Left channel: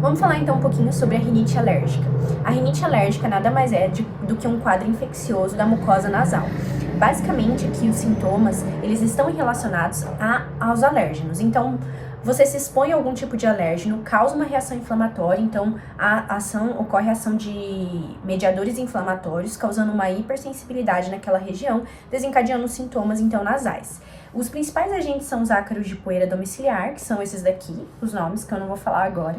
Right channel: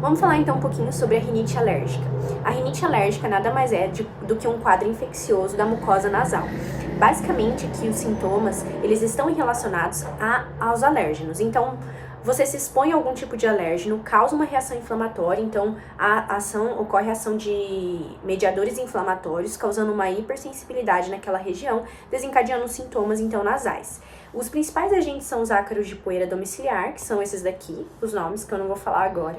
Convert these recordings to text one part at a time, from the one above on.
Vamos falar então um pouquinho sobre a rinite alérgica. A rinite alérgica nada mais é do que um quadro infeccioso da mucosa nasal. Basicamente, aqui os sintomas, eles estão relacionados aos alérgenos. Então, você se expõe a algum tipo de alérgeno, causa uma reação inflamatória, então ocorre a ação de mediadores inflamatórios, causando uma hipersensibilidade naquela região, desencadeando sintomas então nasais. Os principais agentes são os ácaros de poeira domiciliar, que são esses daqui, os nomes que eu não vou falar agora,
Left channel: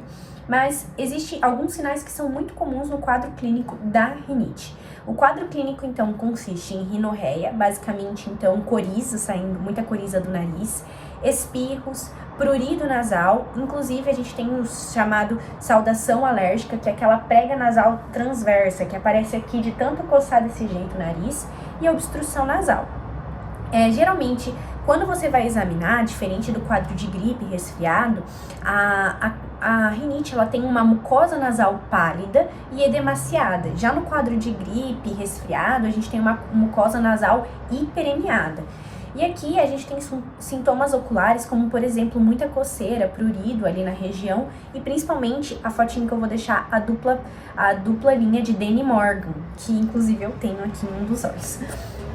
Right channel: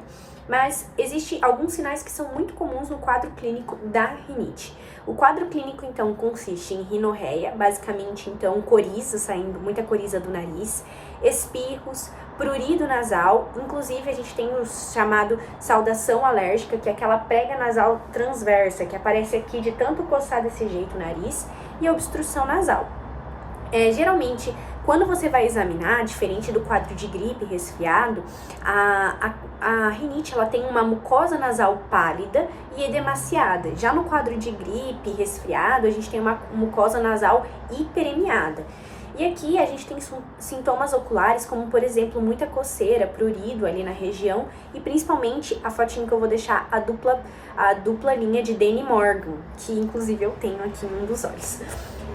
mas existem alguns sinais que são muito comuns no quadro clínico da rinite. O quadro clínico, então, consiste em rinorreia, basicamente, então, coriza, saindo muita coriza do nariz, espirros, prurido nasal, inclusive a gente tem o chamado saudação alérgica, que é aquela prega nasal transversa, que aparece aqui de tanto coçar desse jeito o nariz, e a obstrução nasal. Geralmente, quando você vai examinar, diferente do quadro de gripe, resfriado, a rinite ela tem uma mucosa nasal pálida e edemaciada. Já no quadro de gripe, resfriado, a gente tem uma mucosa nasal hiperemiada. E aqui a gente tem sintomas oculares, como por exemplo, muita coceira, prurido ali na região, e principalmente a fotinho que eu vou deixar, a dupla linha de Danny Morgan, que inclusive eu tenho aqui em um dos olhos.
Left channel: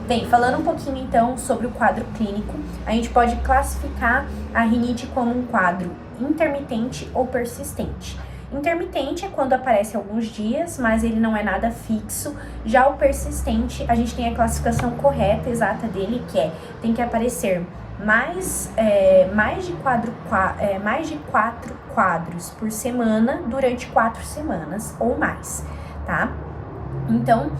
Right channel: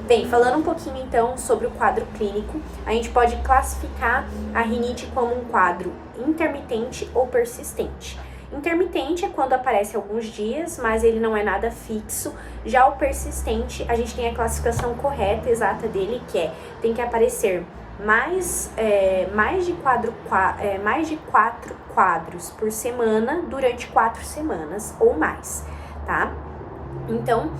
Bem, falando um pouquinho então sobre o quadro clínico, a gente pode classificar a rinite como um quadro intermitente ou persistente. Intermitente é quando aparece alguns dias, mas ele não é nada fixo. Já o persistente, a gente tem a classificação correta, exata dele, que tem que aparecer mais de 4 quadros por semana durante 4 semanas ou mais, tá? Então,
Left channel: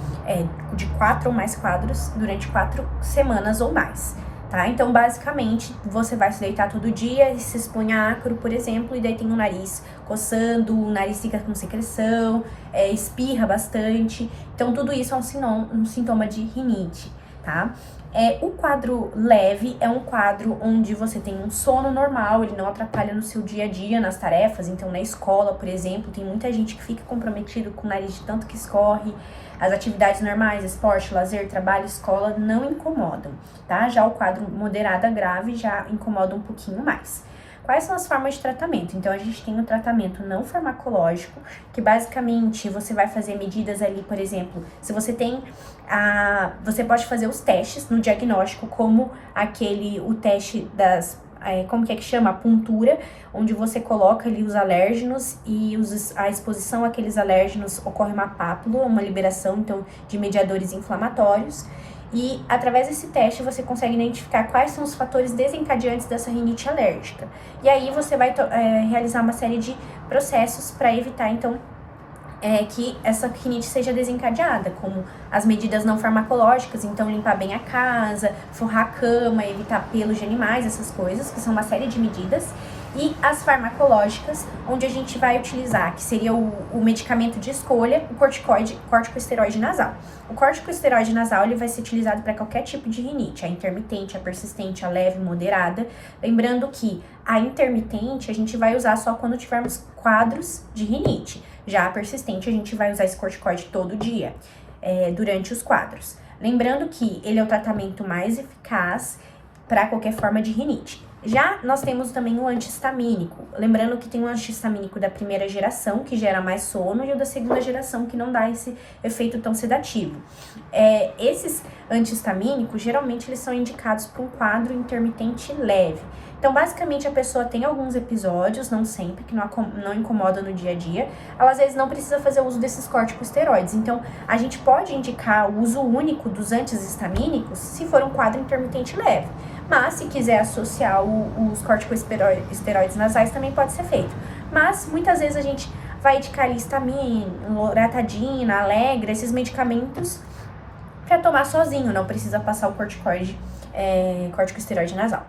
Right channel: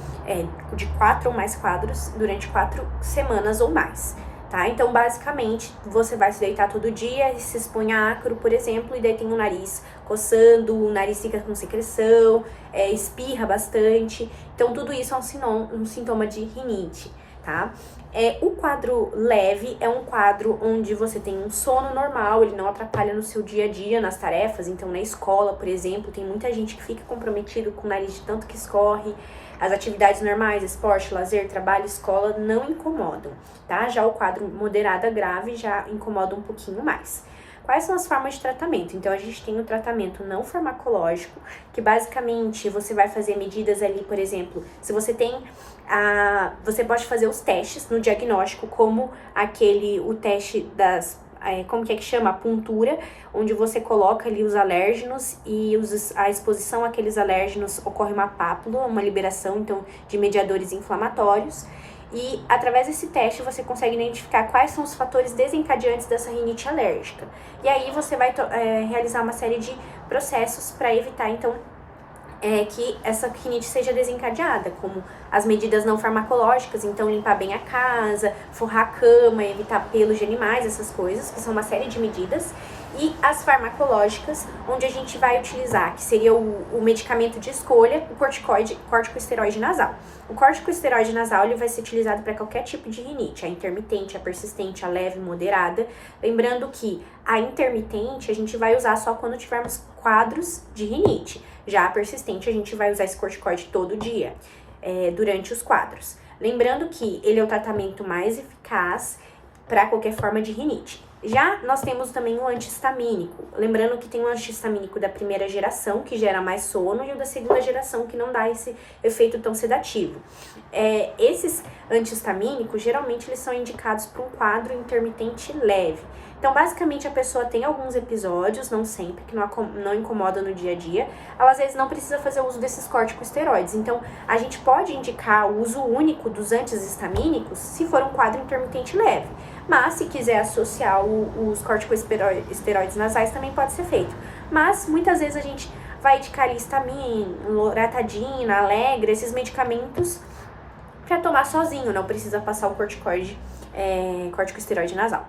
de 4 ou mais quadros durante 4 semanas ou mais, tá? Então, basicamente, você vai se deitar todo dia e se expõe a ácaro, por exemplo, e daí tem o nariz coçando, o nariz fica com secreção, espirra bastante. Então, tudo isso é um sintoma de rinite, tá? O quadro leve é um quadro onde você tem um sono normal, ele não atrapalha no seu dia a dia, nas tarefas. Então, na escola, por exemplo, tem muita gente que fica comprometido com o nariz de tanto que escorre. As atividades normais, esporte, lazer, trabalho, escola, não incomodam, tá? Já o quadro moderado a grave já incomoda um pouquinho mais. Quais são as formas de tratamento? Então, a gente tem o tratamento não farmacológico, que basicamente você vai fazer medidas ali, por exemplo, se você tem você pode fazer os testes no diagnóstico, como o teste como que chama? A puntura, onde você coloca ali os alérgenos e a exposição àqueles alérgenos ocorre uma pápula, uma liberação, então, de mediadores inflamatórios. E através desse teste você consegue identificar quais são os fatores desencadeantes dessa rinite alérgica. E aí você vai realizar uma série de processos para evitar, então, que essa rinite seja desencadeada, como as medidas não farmacológicas, então limpar bem a casa, forrar a cama, evitar pelos de animais, essas coisas, que são uma série de medidas. E as farmacológicas, onde a gente vai utilizar, que seria o medicamento de escolha, o corticosteroide nasal. O corticosteroide nasal ele vai ser utilizado para qualquer tipo de rinite, a intermitente, a persistente, a leve, moderada. Lembrando que a intermitente a gente vai usar só quando tivermos quadros de rinite. Já a persistente a gente vai usar esse corticoide todo dia, durante os quadros. Lembrando que ele é o tratamento mais eficaz para qualquer forma de rinite. Já nós temos também o antihistamínico, lembrando que tem o antihistamínico da primeira geração, que gera mais sono, e o da segunda geração, que não dá esse efeito tão sedativo. Esses antihistamínicos, geralmente, eles são indicados para um quadro intermitente leve. Então, basicamente, a pessoa tem alguns episódios, não sempre, que não incomoda no dia a dia. Ela, às vezes, não precisa fazer uso desses corticosteroides. Então, a gente pode indicar o uso único dos antihistamínicos se for um quadro intermitente leve. Mas, se quiser associar os corticosteroides nasais, também pode ser feito. Mas, muitas vezes, a gente vai indicar histamina, loratadina, Allegra, esses medicamentos para tomar sozinho. Não precisa passar o corticosteroide nasal.